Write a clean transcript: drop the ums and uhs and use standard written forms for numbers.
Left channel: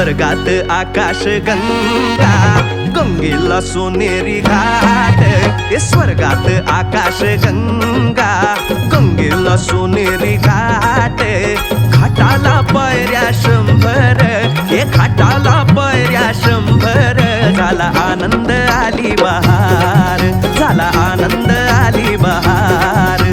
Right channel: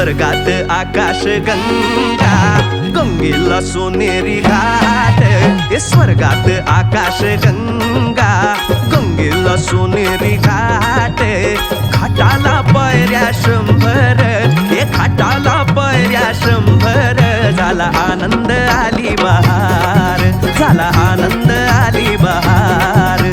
स्वर्गात आकाश गंगा, गंगेला सोनेरी घाट. स्वर्गात आकाश गंगा, गंगेला सोनेरी घाट. घाटाला पायऱ्या 100, घाटाला पायऱ्या 100. झाला आनंद आली बहार, झाला आनंद आली बहार.